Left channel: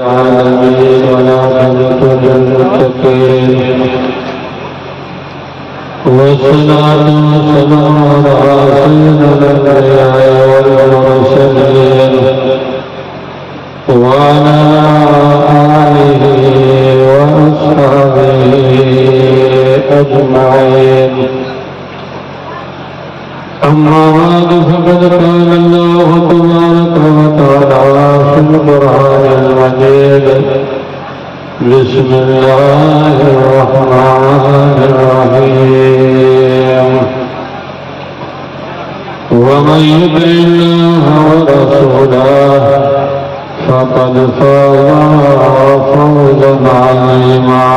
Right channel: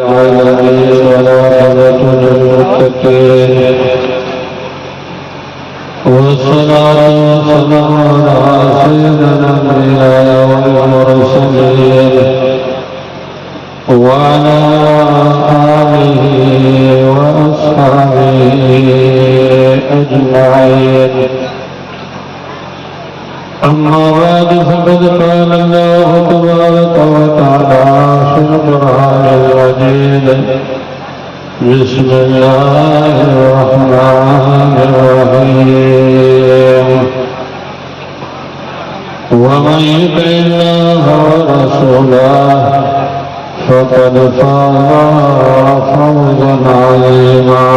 العالمين والعاقبة للمتقين والصلاة والسلام على سيد الأنبياء والمرسلين وعلى آله وأصحابه أجمعين. أما بعد فقد قال الله تبارك وتعالى في القرآن المجيد: بسم الله الرحمن الرحيم. ومن يطع الله ورسوله فقد فاز فوزا عظيما.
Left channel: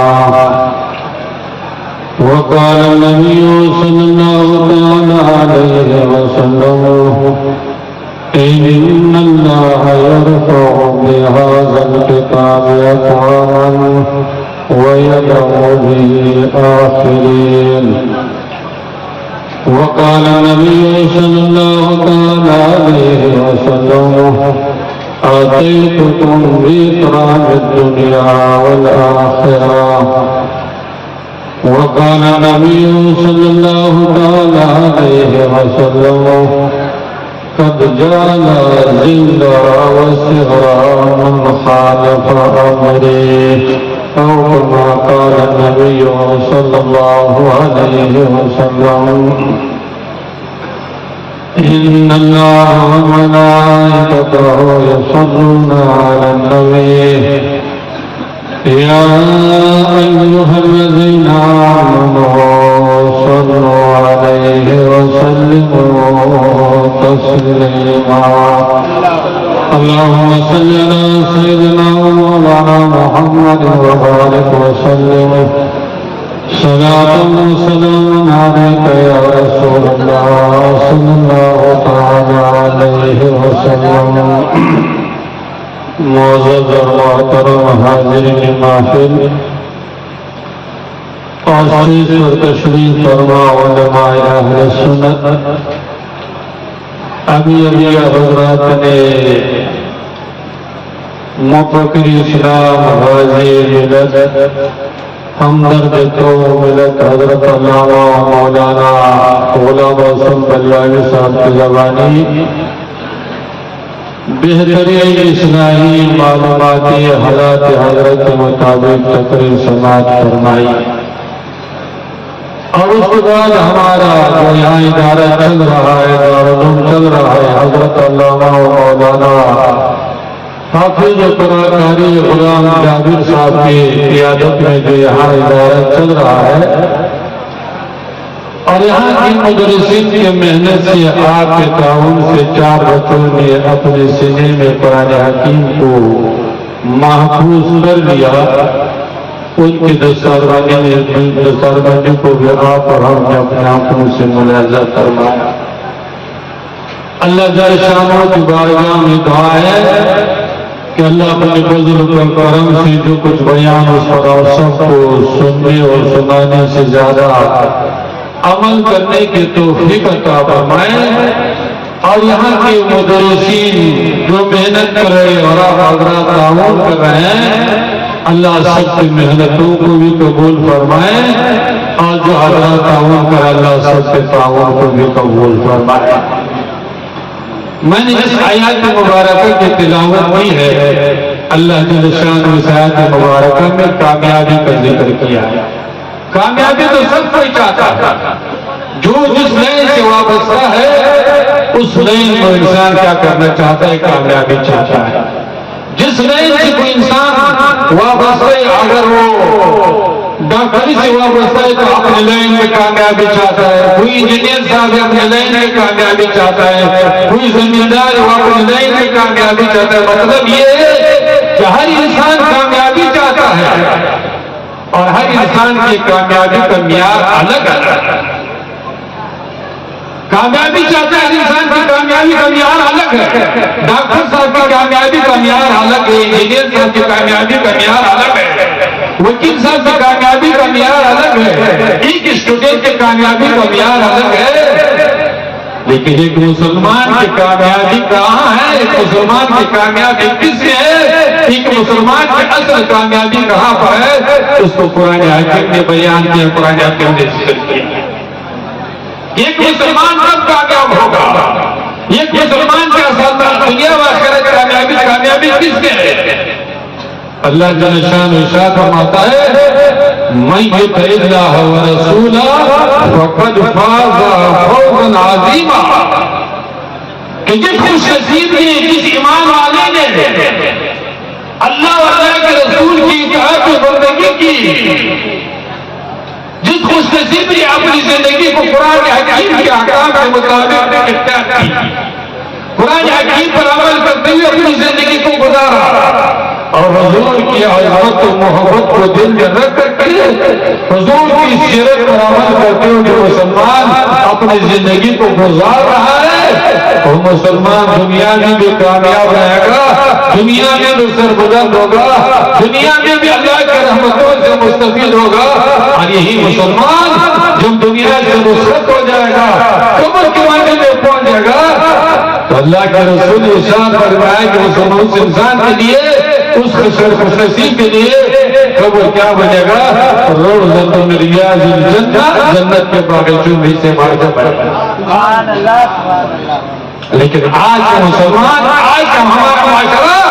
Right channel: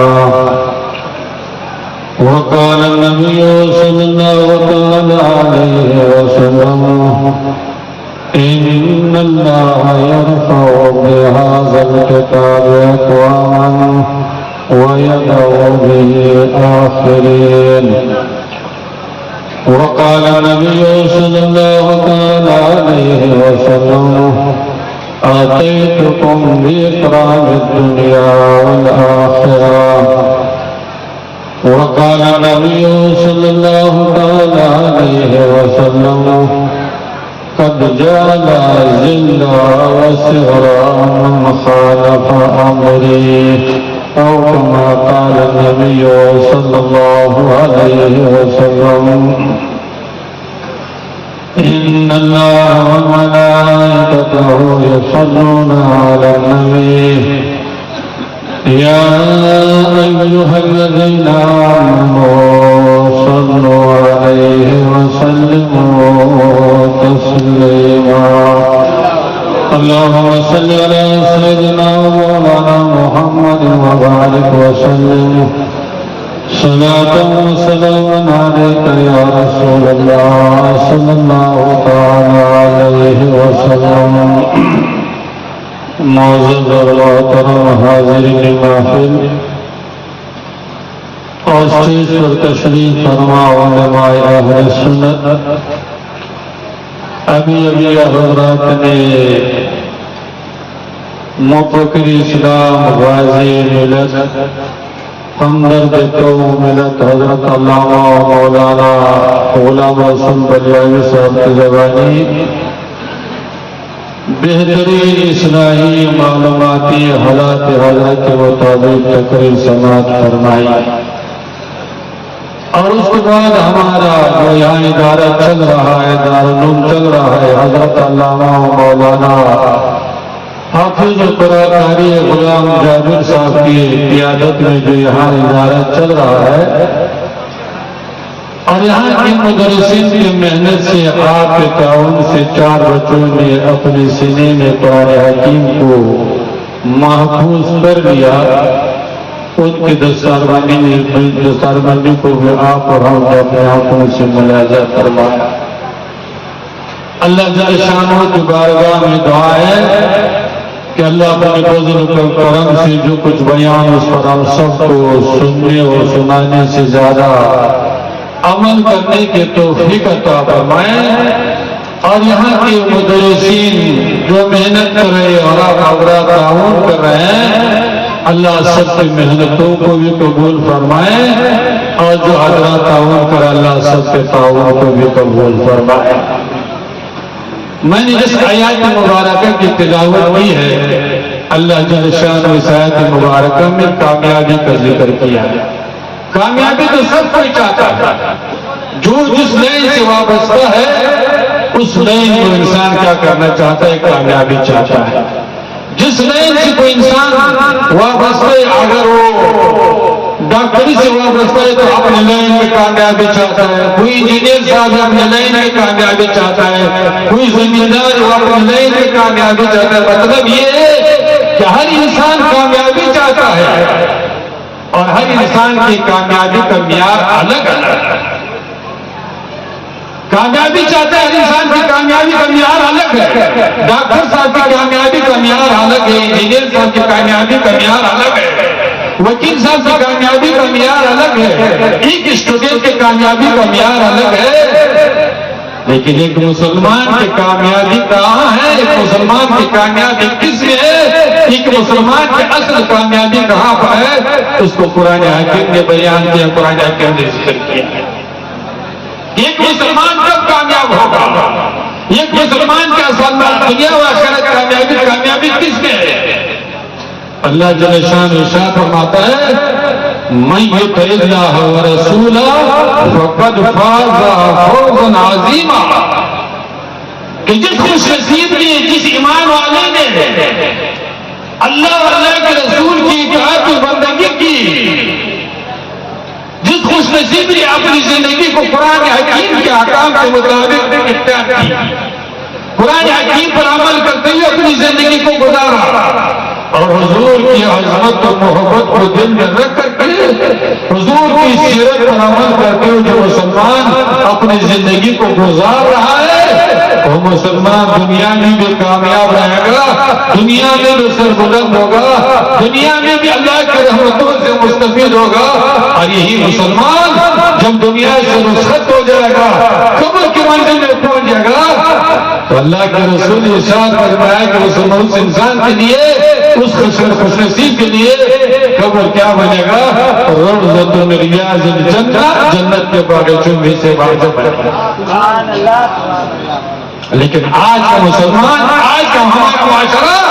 وقال النبي صلى الله عليه وسلم: إن الله يرفع بهذا الكتاب أقواما ويدع به آخرين. وقال النبي صلى الله عليه وسلم: آتيتكم بإكرام الدنيا والآخرة. وقال النبي صلى الله عليه وسلم: قد جعل ذل وسعرا من خالف أمري، أو كما قال النبي صلى الله عليه وسلم: إن الله وملائكته يصلون على النبي يا أيها الذين آمنوا صلوا عليه وسلموا تسليما. اللهم صل على سيدنا ومولانا محمد وبارك وسلم صلاة وسلام عليك يا رسول الله صلى الله تعالى عليه وسلم. معزز اور محترم حاضرین محفل، اور اسٹیج پر تشریف فرما علماء اہل سنت، ابھی حضرات نے مفکر اسلام، غازی ملت، ہمدرد قوم ملت حضرت علامہ مولانا غلام حسن بلیاوی صاحب کی زبانی بہترین اصلاحی معلوماتی حالات حضرت کے مطابق تقریر سماعت فرمائی. اور اس کے بعد ہمارا جو یہاں ادارہ چل رہا ہے، دارالعلوم چل رہا ہے، حضرت علامہ مولانا حافظ قرآن قاری غلام جابر صاحب کی قیادت میں جو یہاں ادارہ چل رہا ہے، اور یہاں کی مدرسین کی محنت سے، آپ کے تعاون سے 4 بچوں نے اپنے سینے میں قرآن حکیم کو محفوظ کر لیا. ان کی دستاربندی کو بھی آپ اور ہم نے اپنے آنکھوں سے ملاحظہ فرمایا. اللہ جل شانہ کی بارگاہ میں دعا ہے کہ اللہ اپنے فضل و کرم سے جو کچھ بیان اس پر اور سب کو سننے اور سنانے سے زیادہ عمل کرنے کے توفیق عطا فرمائے. اور یہاں کے مدرسین جو محنت کر رہے اور حضرات تعاون کر رہے ہیں، اللہ سب کی محنتوں کو بھی قبول فرمائے، اور جو حضرات تعاون کر اللہ سب کے تعاون کو بھی قبول فرمائے. میں نے اس آیات مبارکہ کی تلاوت کی ہے. اللہ جل شانہ اس آیات مبارکہ میں کامیابی کا ذکر کیا. کامیابی تو سب کوئی چاہتا ہے. جو جس لائن سے وابستہ ہے اس لائن میں انسان کیا کرنا چاہتا ہے؟ کامیابی چاہتا ہے. جس لائن سے کوئی انسان وابستہ ہے، اگر وہ ڈاکٹری سے وابستہ ہے تو اپنے لائن میں کامیابی چاہتا ہے. کوئی انجینئر صاحب اپنے لائن میں کامیابی چاہتا ہے. کوئی زمیندار وہ اپنے لائن میں کامیابی چاہتا ہے. مطلب یہ ہے کہ ہر انسان کامیابی چاہتا ہے، اور ہر انسان کی کامیابی کا معیار الگ الگ ہے. کامیابی چاہتا ہے ہر انسان کی کامیابی کا معیار الگ ہے. ڈاکٹر صاحب کی کامیابی کا معیار الگ ہے، انجینئر صاحب کی کامیابی کا معیار الگ ہے، وکیل صاحب کی کامیابی کا معیار الگ ہے، ایک اسٹوڈنٹ کی کامیابی کا معیار الگ ہے. لیکن ایک مسلمان کی کامیابی کہاں ہے؟ ایک مسلمان کی کامیابی کس میں ہے؟ ایک مسلمان کی اصل کامیابی کہاں پر ہے؟ اس کو قرآن حکیم نے بیان کیا، قرآن حکیم نے ذکر کیا ہے۔ ایک مسلمان کب کامیاب ہوگا؟ ایک مسلمان کا اصل دنیا و آخرت کامیابی کس میں ہے؟ اللہ جل شانہ ارشاد فرماتا ہے من یطع اللہ ورسولہ فقد فاز فوزا عظیما، کہ جس خوش نصیب نے، جس ایمان والے نے اللہ اور اللہ کے رسول کی اطاعت و بندگی کی، جس خوش نصیب نے اپنی زندگی کو قرآن حکیم کے احکام کے مطابق اختیار کی، قرآن حکیم پر عمل کرتے ہوئے اپنی زندگی کو گزارا، اور حضور کی عظمت و محبت کو دل میں رکھ کر کے حضور کی سیرت پر عمل کرتے ہوئے جو مسلمان اپنی زندگی کو گزار رہا ہے، وہ مسلمان دنیا میں بھی کامیاب رہے گا، دنیا میں بھی سربلند ہوگا، دنیا میں بھی اللہ کی رحمتوں سے مستفید ہوگا، اور یہی مسلمان جب دنیا سے رخصت ہو جائے گا، قبر کی منزل میں پہنچ جائے گا، تو اللہ کے رسول ارشاد فرمایا کہ اس انسان کے لیے، اس خوش نصیب کے لیے قبر کیا بنے گا؟ روضۃ من ریاض الجنہ، جنت کے باغیچوں میں سے واجب ہے۔ سبحان اللہ، سبحان اللہ۔ لیکن آج کا مسلمان، آج کا ہمارا معاشرہ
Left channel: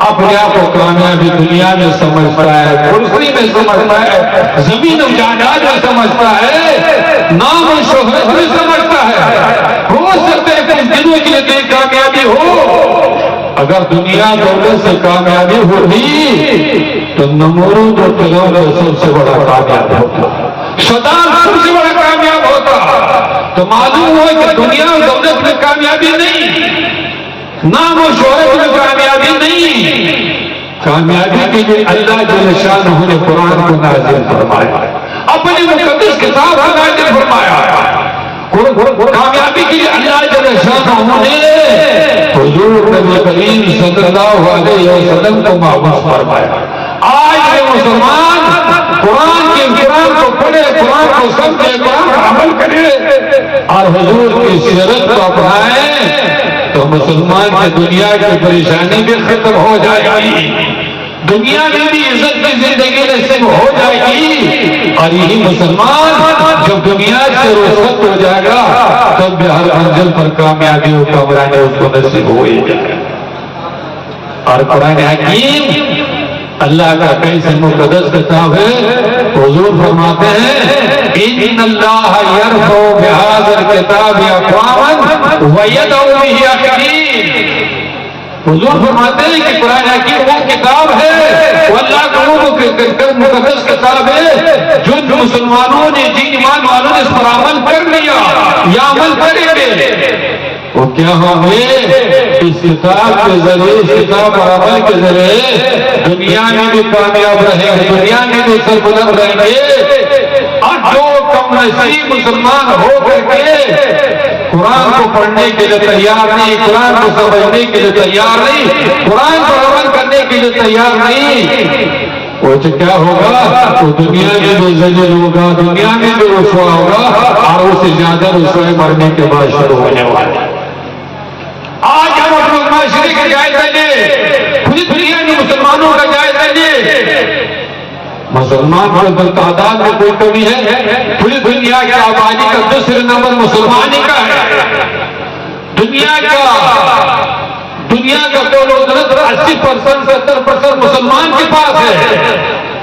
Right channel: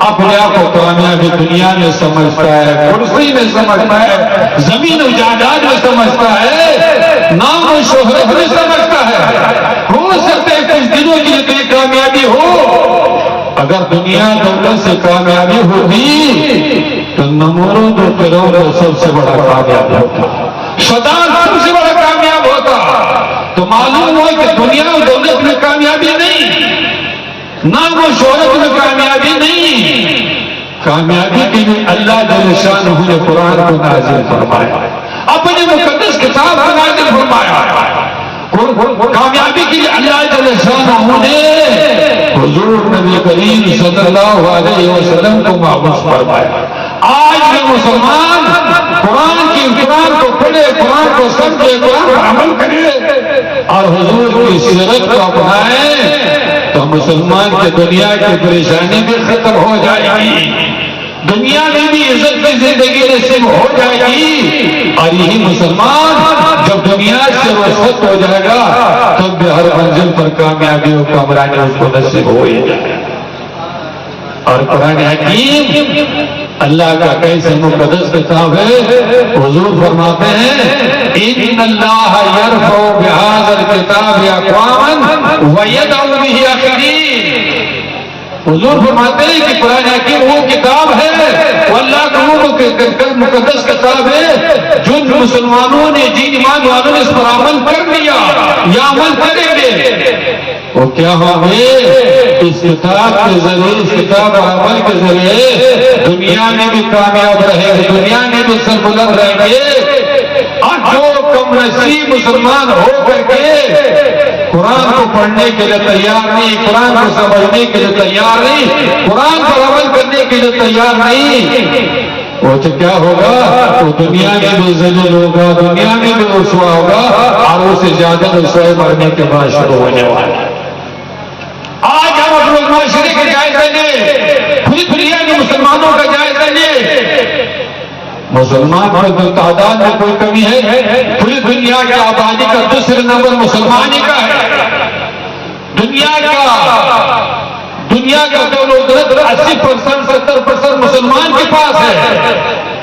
اپنے آپ کو کامیابی دنیا میں سمجھتا ہے، کرسی میں سمجھتا ہے، زمین و جائیداد میں سمجھتا ہے، نام و شہرت میں سمجھتا ہے۔ ہو سکتا ہے کچھ دنوں کے لیے کامیابی ہو، اگر دنیا دولت سے کامیابی ہوگی تو نمرود و فرعون سب سے بڑا کامیاب ہوتا، شیطان سب سے بڑا کامیاب ہوتا۔ تو معلوم ہوا کہ دنیا و دولت میں کامیابی نہیں، نام و شہرت میں کامیابی نہیں، کامیابی کے لیے اللہ جل شانہ نے قرآن کو نازل فرمایا، اپنی مقدس کتاب کو نازل فرمایا، کامیابی کے لیے اللہ جل شانہ نے حضور نبی کریم صلی اللہ علیہ وسلم کو مبعوث فرمایا۔ آج یہ مسلمان قرآن کو پڑھے، قرآن کو سمجھے، قرآن پر عمل کرے اور حضور کی سیرت کو اپنائے تو مسلمان کی دنیا کی پریشانی بھی ختم ہو جائے گی، دنیا میں بھی عزت کی زندگی نصیب ہو جائے گی، اور یہی مسلمان جب دنیا سے رخصت ہو جائے گا تب بھی ہر منزل پر کامیابی و کامرانی اس کو نصیب ہو ہی جائے گا۔ اور قرآن حکیم اللہ کا کیسے مقدس کتاب ہے، حضور فرماتے ہیں ان اللہ یرفع بہذا الکتاب اقواما ویدع بہ آخرین۔ حضور فرماتے ہیں کہ قرآن حکیم وہ کتاب ہے، وہ اللہ کا مقدس کتاب ہے جو مسلمانوں نے، جن ایمان والوں نے اس پر عمل کر لیا یا عمل کریں گے، وہ کیا ہوں گے؟ اس کتاب کے ذریعے، اس کتاب اور عمل کے ذریعے دنیا میں بھی کامیاب رہیں گے، دنیا میں بھی سربلند رہیں گے۔ اور جو کم نصیب مسلمان ہو کر کے قرآن کو پڑھنے کے لیے تیار نہیں، قرآن کو سمجھنے کے لیے تیار نہیں، قرآن پر عمل کرنے کے لیے تیار نہیں، وہ تو کیا ہوگا؟ وہ دنیا میں بھی ذلیل ہوگا، دنیا میں بھی رسوا ہوگا، اور اس سے زیادہ رسوائی مرنے کے بعد شروع ہونے والا۔ آج ہم اپنے معاشرے کا جائزہ لیں، پوری دنیا میں مسلمانوں کا جائزہ لیں، مسلمان پر تعداد میں کوئی کمی ہے؟ پوری دنیا کی آبادی کا دوسرے نمبر مسلمان ہی کا ہے، دنیا کا دولت 80% 70% مسلمان کے پاس ہے،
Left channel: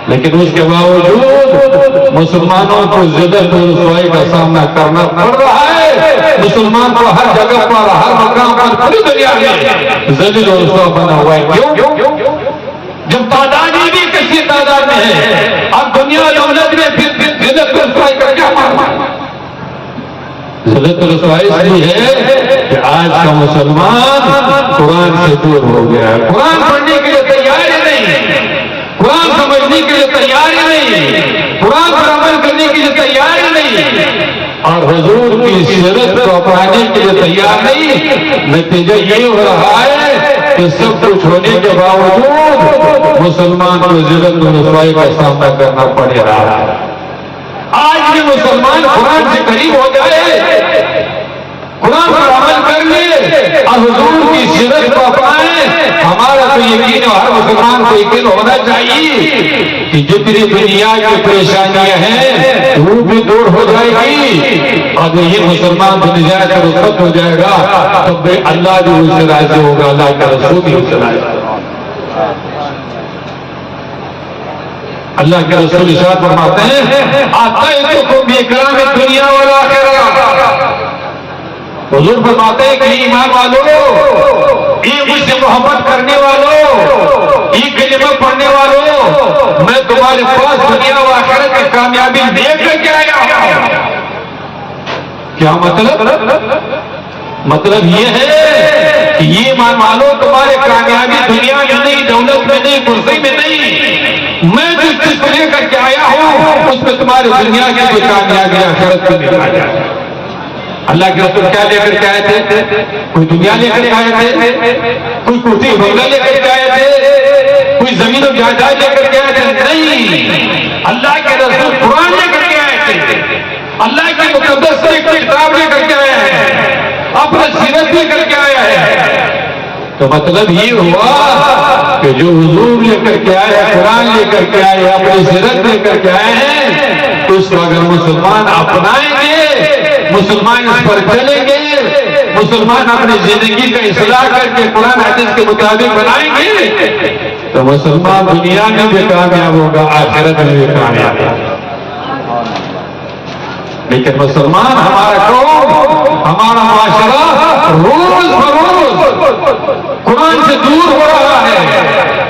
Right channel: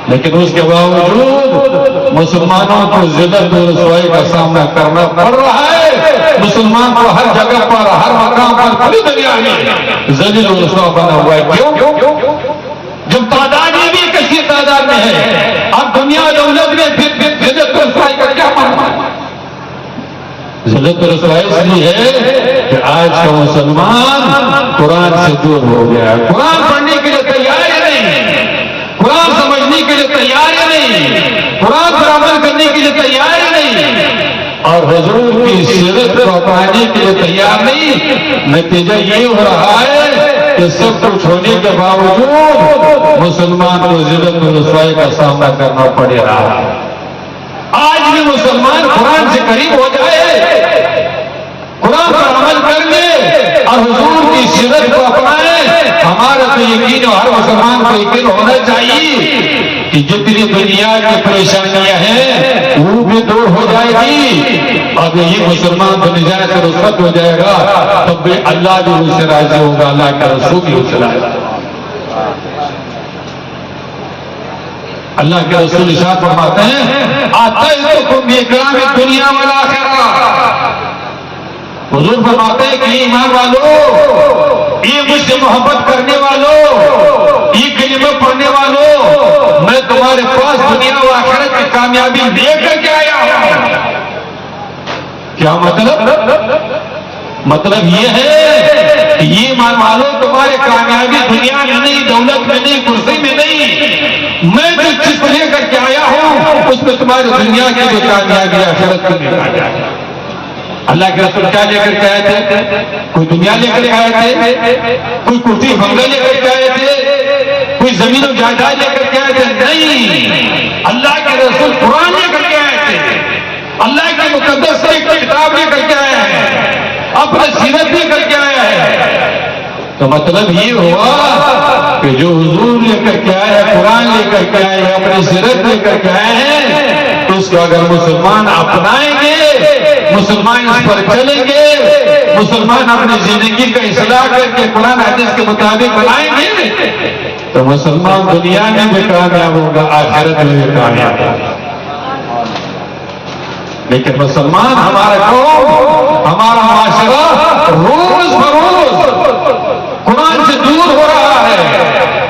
لیکن اس کے باوجود مسلمانوں کو ذلت و رسوائی کا سامنا کرنا پڑ رہا ہے۔ مسلمان کو ہر جگہ پر، ہر مقام پر پوری دنیا میں ذلیل و رسوا بنا ہوا ہے۔ کیوں؟ جب تعداد میں بھی کسی تعداد میں ہے، اب دنیا و دولت میں ذلت و رسوائی کا کیا معنی؟ ذلت و رسوائی اس لیے ہے کہ آج کا مسلمان قرآن سے دور ہو گیا ہے، قرآن پڑھنے کے لیے تیار ہی نہیں، قرآن سمجھنے کے لیے تیار ہی نہیں، قرآن پر عمل کرنے کے لیے تیار ہی نہیں، اور حضور کی سیرت کو اپنانے کے لیے تیار نہیں۔ نتیجہ یہ ہو رہا ہے کہ سب کچھ ہونے کے باوجود مسلمان کو ذلت و رسوائی کا سامنا کرنا پڑ رہا ہے۔ آج یہ مسلمان قرآن سے قریب ہو جائے، قرآن پر عمل کر لے اور حضور کی سیرت کو اپنائے، ہمارا تو یقین ہے، ہر مسلمان کو یقین ہونا چاہیے کہ جتنی دنیا کی پریشانیاں ہیں وہ بھی دور ہو جائے گی، اور یہ مسلمان دنیا سے رخصت ہو جائے گا تب بھی اللہ بھی اس سے راضی ہوگا، اللہ کا رسول بھی اس سے راضی ہوگا۔ اللہ کے رسول ارشاد فرماتے ہیں آتیتکم باکرام الدنیا والآخرہ، حضور فرماتے ہیں کہ ایمان والو، یہ مجھ سے محبت کرنے والوں، یہ کلمہ پڑھنے والوں، میں تمہارے پاس دنیا و آخرت کی کامیابی لے کر کے آیا ہوں۔ کیا مطلب یہ ہے کہ یہ ایمان والو، تمہارے کامیابی دنیا میں نہیں، دولت میں نہیں، کرسی میں نہیں، میں جو چیز لے کر کے آیا ہوں اس میں تمہاری دنیا کی جو کامیابی آخرت کو نہیں آیا۔ اللہ کے رسول کیا لے کر کے آئے تھے؟ کوئی دنیا لے کر کے آئے تھے؟ کوئی کرسی بنگلہ لے کر کے آئے تھے؟ کوئی زمین و جائیداد لے کر کے آئے تھے؟ نہیں، اللہ کے رسول قرآن لے کر کے آئے تھے، اللہ کی مقدس کتاب لے کر کے آئے ہیں، اپنے سیرت لے کر کے آیا ہے۔ تو مطلب یہ ہوا کہ جو حضور لے کر کے آئے، قرآن لے کر کے آئے، اپنی سیرت لے کر کے آئے ہیں، تو اس کو اگر مسلمان اپنائیں گے، مسلمان اس پر چلیں گے، مسلمان اپنی زندگی کا اصلاح کر کے قرآن حدیث کے مطابق بنائیں گے، تو مسلمان دنیا میں بھی کامیاب ہوگا، آخرت میں بھی کامیاب ہوگا۔ لیکن مسلمان، ہمارا قوم، ہمارا معاشرہ روز بروز قرآن سے دور ہو رہا ہے،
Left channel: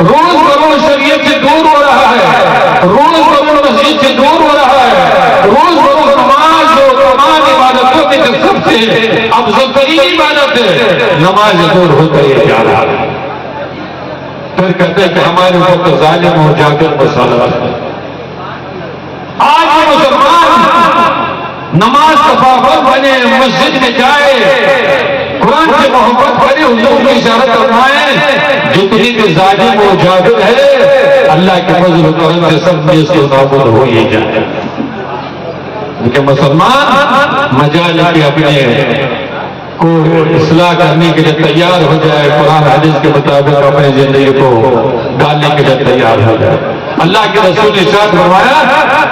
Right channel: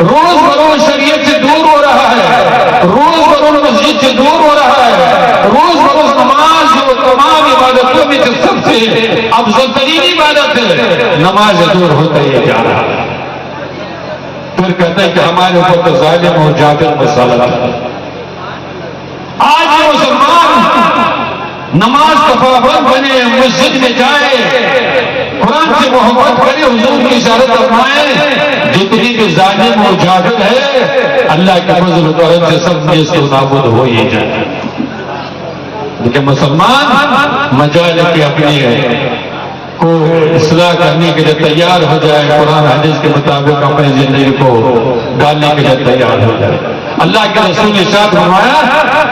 روز بروز شریعت سے دور ہو رہا ہے، روز بروز مسجد سے دور ہو رہا ہے، روز بروز نماز جو تمام عبادتوں میں سے سب سے افضل ترین عبادت ہے، نماز سے دور ہوتا ہی جا رہا ہے۔ پھر کہتے ہیں کہ ہمارے اوپر ظالم و جابر مسلط ہے۔ آج یہ مسلمان نماز کا پابند بنے، مسجد میں جائے، قرآن سے محبت کرے، حضور کی اشارت فرمائے، جتنی بھی ظالم و جاہل ہے اللہ کے فضل و کرم سے سب میں سے نابود ہو ہی جائے۔ لیکن مسلمان مجال کے اپنے کو اصلاح کرنے کے لیے تیار ہو جائے، قرآن حدیث کے مطابق اپنی زندگی کو ڈالنے کے لیے تیار ہو جائے۔ اللہ کے رسول نے ارشاد فرمایا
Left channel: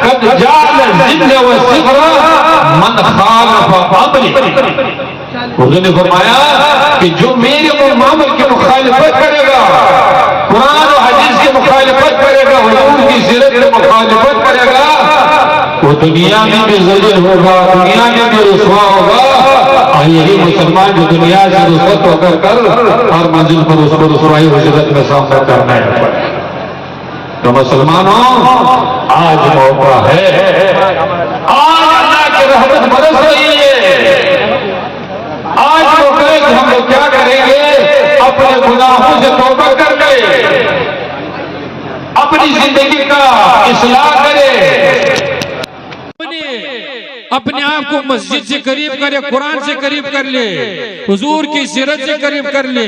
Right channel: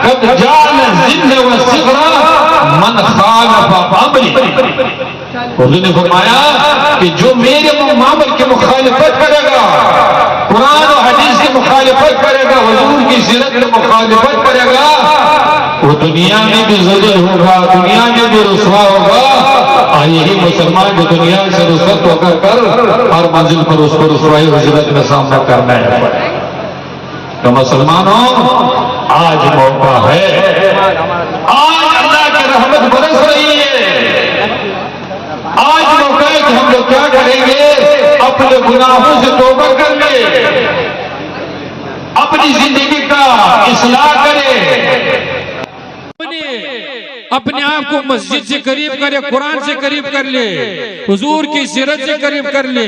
قد جعل الذل والصغر من خالف امری، حضور نے فرمایا کہ جو میرے امر کی مخالفت کرے گا، قرآن و حدیث کی مخالفت کرے گا، حضور کی سیرت کی مخالفت کرے گا، وہ دنیا میں بھی ذلیل ہوگا، دنیا میں بھی رسوا ہوگا، اور یہی مسلمان جو دنیا سے رخصت ہو کر ہر منزل پر اس کو رسوائی و ذلت میں سامنا کرنا ہے۔ تو مسلمانوں، آج موقع ہے، آج اللہ کی رحمت برس رہی ہے، آج موقع ہے کہ ہم لوگ کیا کریں گے؟ اپنے گناہوں سے توبہ کر لیں، اپنی زندگی کا اصلاح کریں، اپنے آپ کو مسجد سے قریب کرے، قرآن سے قریب کر لے، حضور کی سیرت سے قریب کر لے،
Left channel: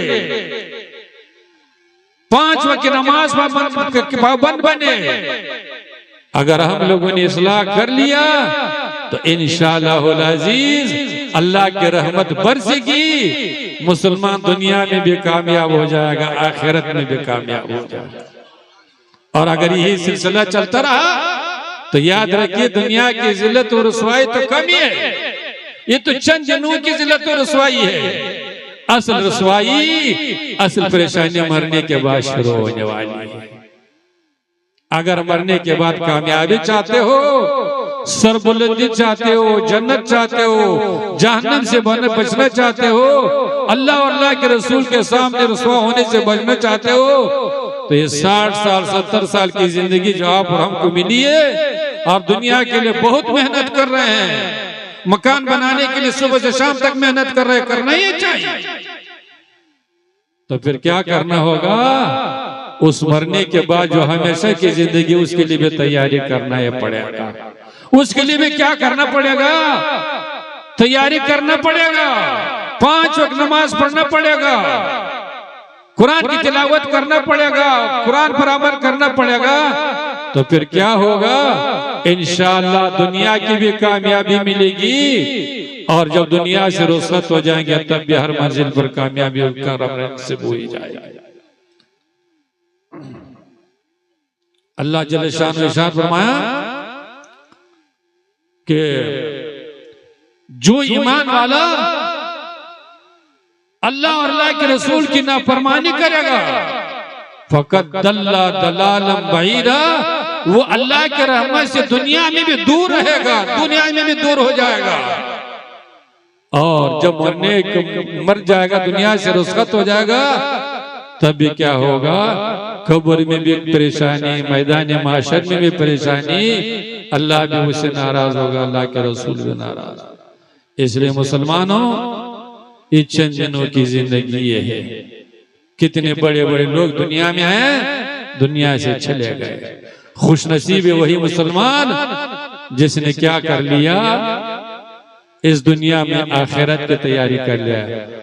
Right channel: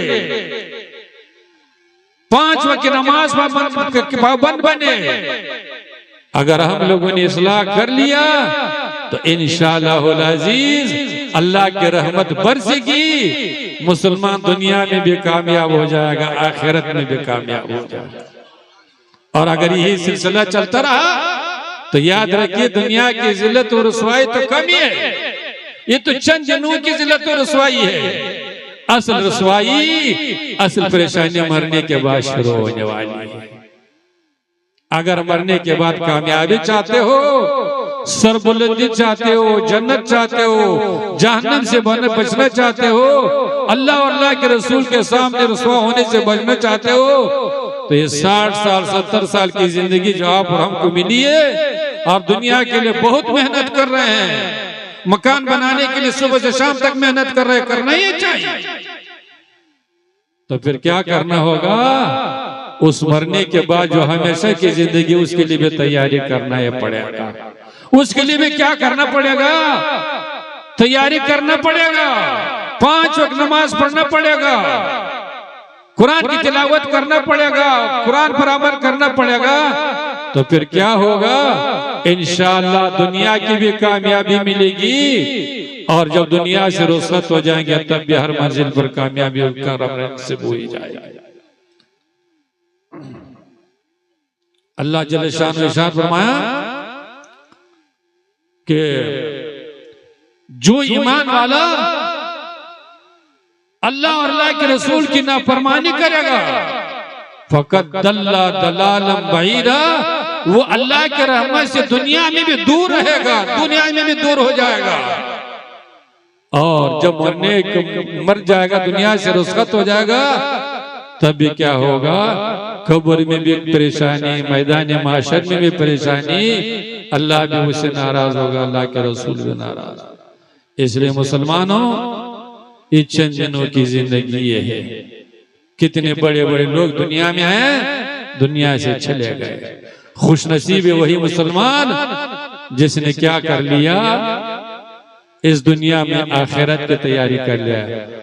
5 وقت نماز پابند بنے۔ اگر ہم لوگوں نے اصلاح کر لیا تو انشاءاللہ العزیز اللہ کی رحمت برسے گی، مسلمان دنیا میں بھی کامیاب ہو جائے گا، آخرت میں بھی کامیاب ہو جائے گا۔ اور اگر یہی سلسلہ چلتا رہا تو یاد رکھیے دنیا کی ذلت و رسوائی تو کم ہی ہے، یہ تو چند دنوں کی ذلت و رسوائی ہے، اصل رسوائی، اصل پریشانی مرنے کے بعد شروع ہونے والی ہے۔ اگر مرنے کے بعد کامیابی چاہتے ہو، سربلندی چاہتے ہو، جنت چاہتے ہو، جہنم سے بچنا چاہتے ہو، اللہ اور اللہ کے رسول کے سامنے رسوا ہونے سے بچنا چاہتے ہو، تو یہ 60 سال 70 سال کی زندگی جو آپ اور ہم کو ملی ہے، آپ دنیا کے لیے بہت محنت کر رہے ہیں، مکان بنانے کے لیے صبح سے شام تک محنت کر رہے ہیں، کرنا ہی چاہیے۔ تو پھر کیا کرنا ہوگا؟ اس مرنے کے بعد جو ہمیشہ کی زندگی، اس کے لیے بھی تیاری کرنا ہے پڑے گا۔ اس کے لیے بھی کیا کرنا پڑے گا؟ تیاری کرنا پڑے گا، 5 وقت نماز پڑھنا پڑے گا، قرآن کی تلاوت کرنا پڑے گا، قرآن پر عمل کرنا پڑے گا، تو پھر کیا ہوگا؟ انشاءاللہ دنیا کی بھی کامیابی ملے گی، اور جب دنیا سے رخصت ہو جائیں گے تب بھی ہر منزل پر کامیابی کا رب سے بوئی جائے گا۔ اللہ جل شان ارشاد فرمایا کہ جو ایمان والا اللہ اور اللہ کے رسول کی نافرمانی کرے گا فقط ضل ضلالا بعیدا، وہ اللہ کے رحمت سے دنیا میں بھی دور رہے گا، دنیا میں بھی دور ہو جائے گا، اور جب مر جائے گا، دنیا سے رخصت ہو جائے گا، تب بھی کیا ہوگا؟ قبر میں بھی پریشانی، میدان معاشر میں بھی پریشانی، اللہ بھی اس سے ناراض ہوگا، اللہ کے رسول بھی ناراض۔ اس لیے مسلمانوں، یہ چند دنوں کی زندگی یہ ہے۔ کتنے بڑے بڑے لوگ دنیا میں ہیں، دنیا سے چلے گئے۔ خوش نصیب ہے وہی مسلمان جس نے کیا کر لیا؟ اس دنیا میں آخرت کی تیاری کر لیا۔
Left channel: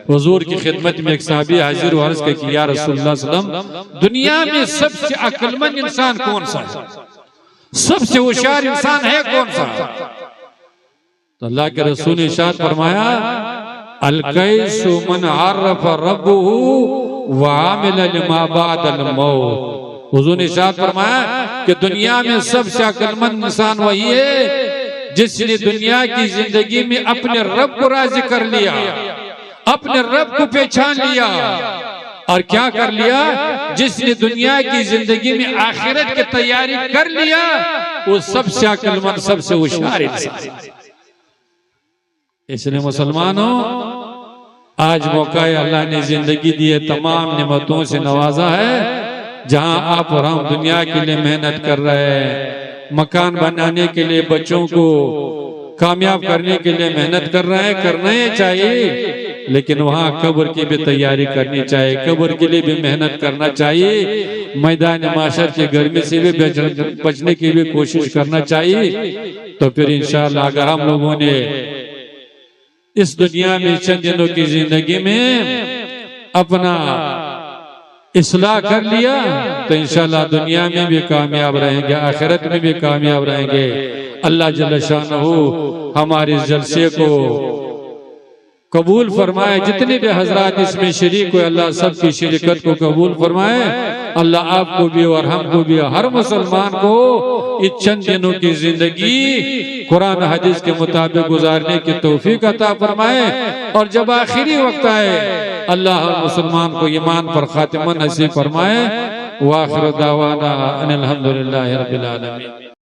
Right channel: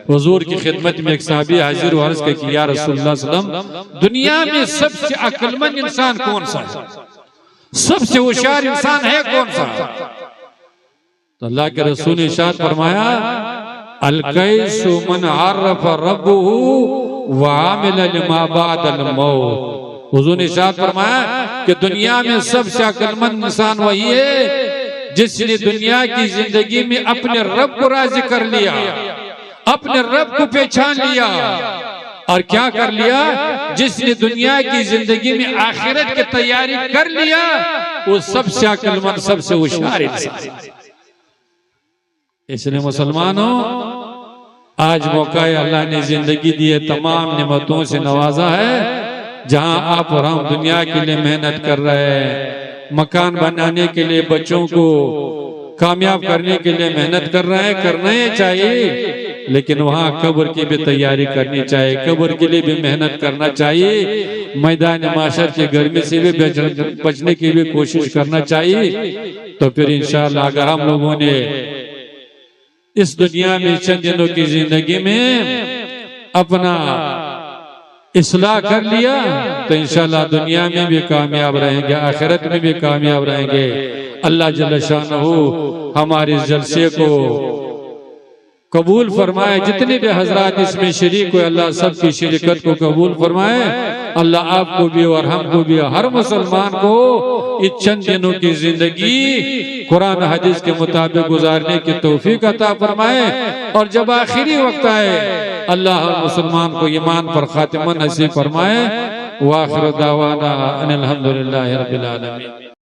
حضور کی خدمت میں ایک صحابی حاضر و عرض کہ یا رسول اللہ صلی اللہ علیہ وسلم، دنیا میں سب سے عقل مند انسان کون سا ہے؟ سب سے ہوشیار انسان ہے کون سا؟ تو اللہ کے رسول نے ارشاد فرمایا، القیس من عرف ربہ وعامل لما بعد الموت۔ حضور نے ارشاد فرمایا کہ دنیا میں سب سے عقل مند انسان وہی ہے جس نے دنیا کی زندگی میں اپنے رب کو راضی کر لیا، اپنے رب کو پہچان لیا، اور کیا کر لیا؟ جس نے دنیا کی زندگی میں آخرت کی تیاری کر لیا، وہ سب سے عقل مند، سب سے ہوشیار انسان۔ اس لیے مسلمانوں، آج موقع ہے، اللہ نے زندگی دی ہے، تمام نعمتوں سے نوازا ہے، جہاں آپ اور ہم دنیا کے لیے محنت کر رہے ہیں، مکان بنانے کے لیے، بچوں کو کامیاب کرنے کے لیے محنت کر رہے ہیں، کرنا ہی چاہیے، لیکن وہاں قبر کی بھی تیاری کرنی چاہیے، قبر کے لیے بھی محنت کرنا چاہیے، میدان معاشر کی گرمی سے بھی بچنے کی بھی کوشش کرنا چاہیے۔ تو پھر انشاءاللہ اگر ہم لوگوں نے اس دنیا میں چند دنوں کی زندگی میں اپنا اصلاح کر لیا تو انشاءاللہ دنیا میں بھی کامیاب رہیں گے، آخرت میں بھی کامیاب رہیں گے۔ اللہ جل شانہ ہمارے جلسے کو قبول فرمائے، جتنے بھی حضرات اس میں شریک ہوئے اللہ سب کی شرکت کو قبول فرمائے۔ اللہ آپ کو بھی اور ہم کو بھی، ہر مسلمان کو اس چند دنوں کی زندگی قرآن حدیث کے مطابق گزارنے کی توفیق عطا فرمائے، اور جب آخری وقت آئے اللہ ہر مسلمان کو ایمان پر خاتمہ نصیب فرمائے۔ وآخر دعوانا ان الحمدللہ رب العالمین۔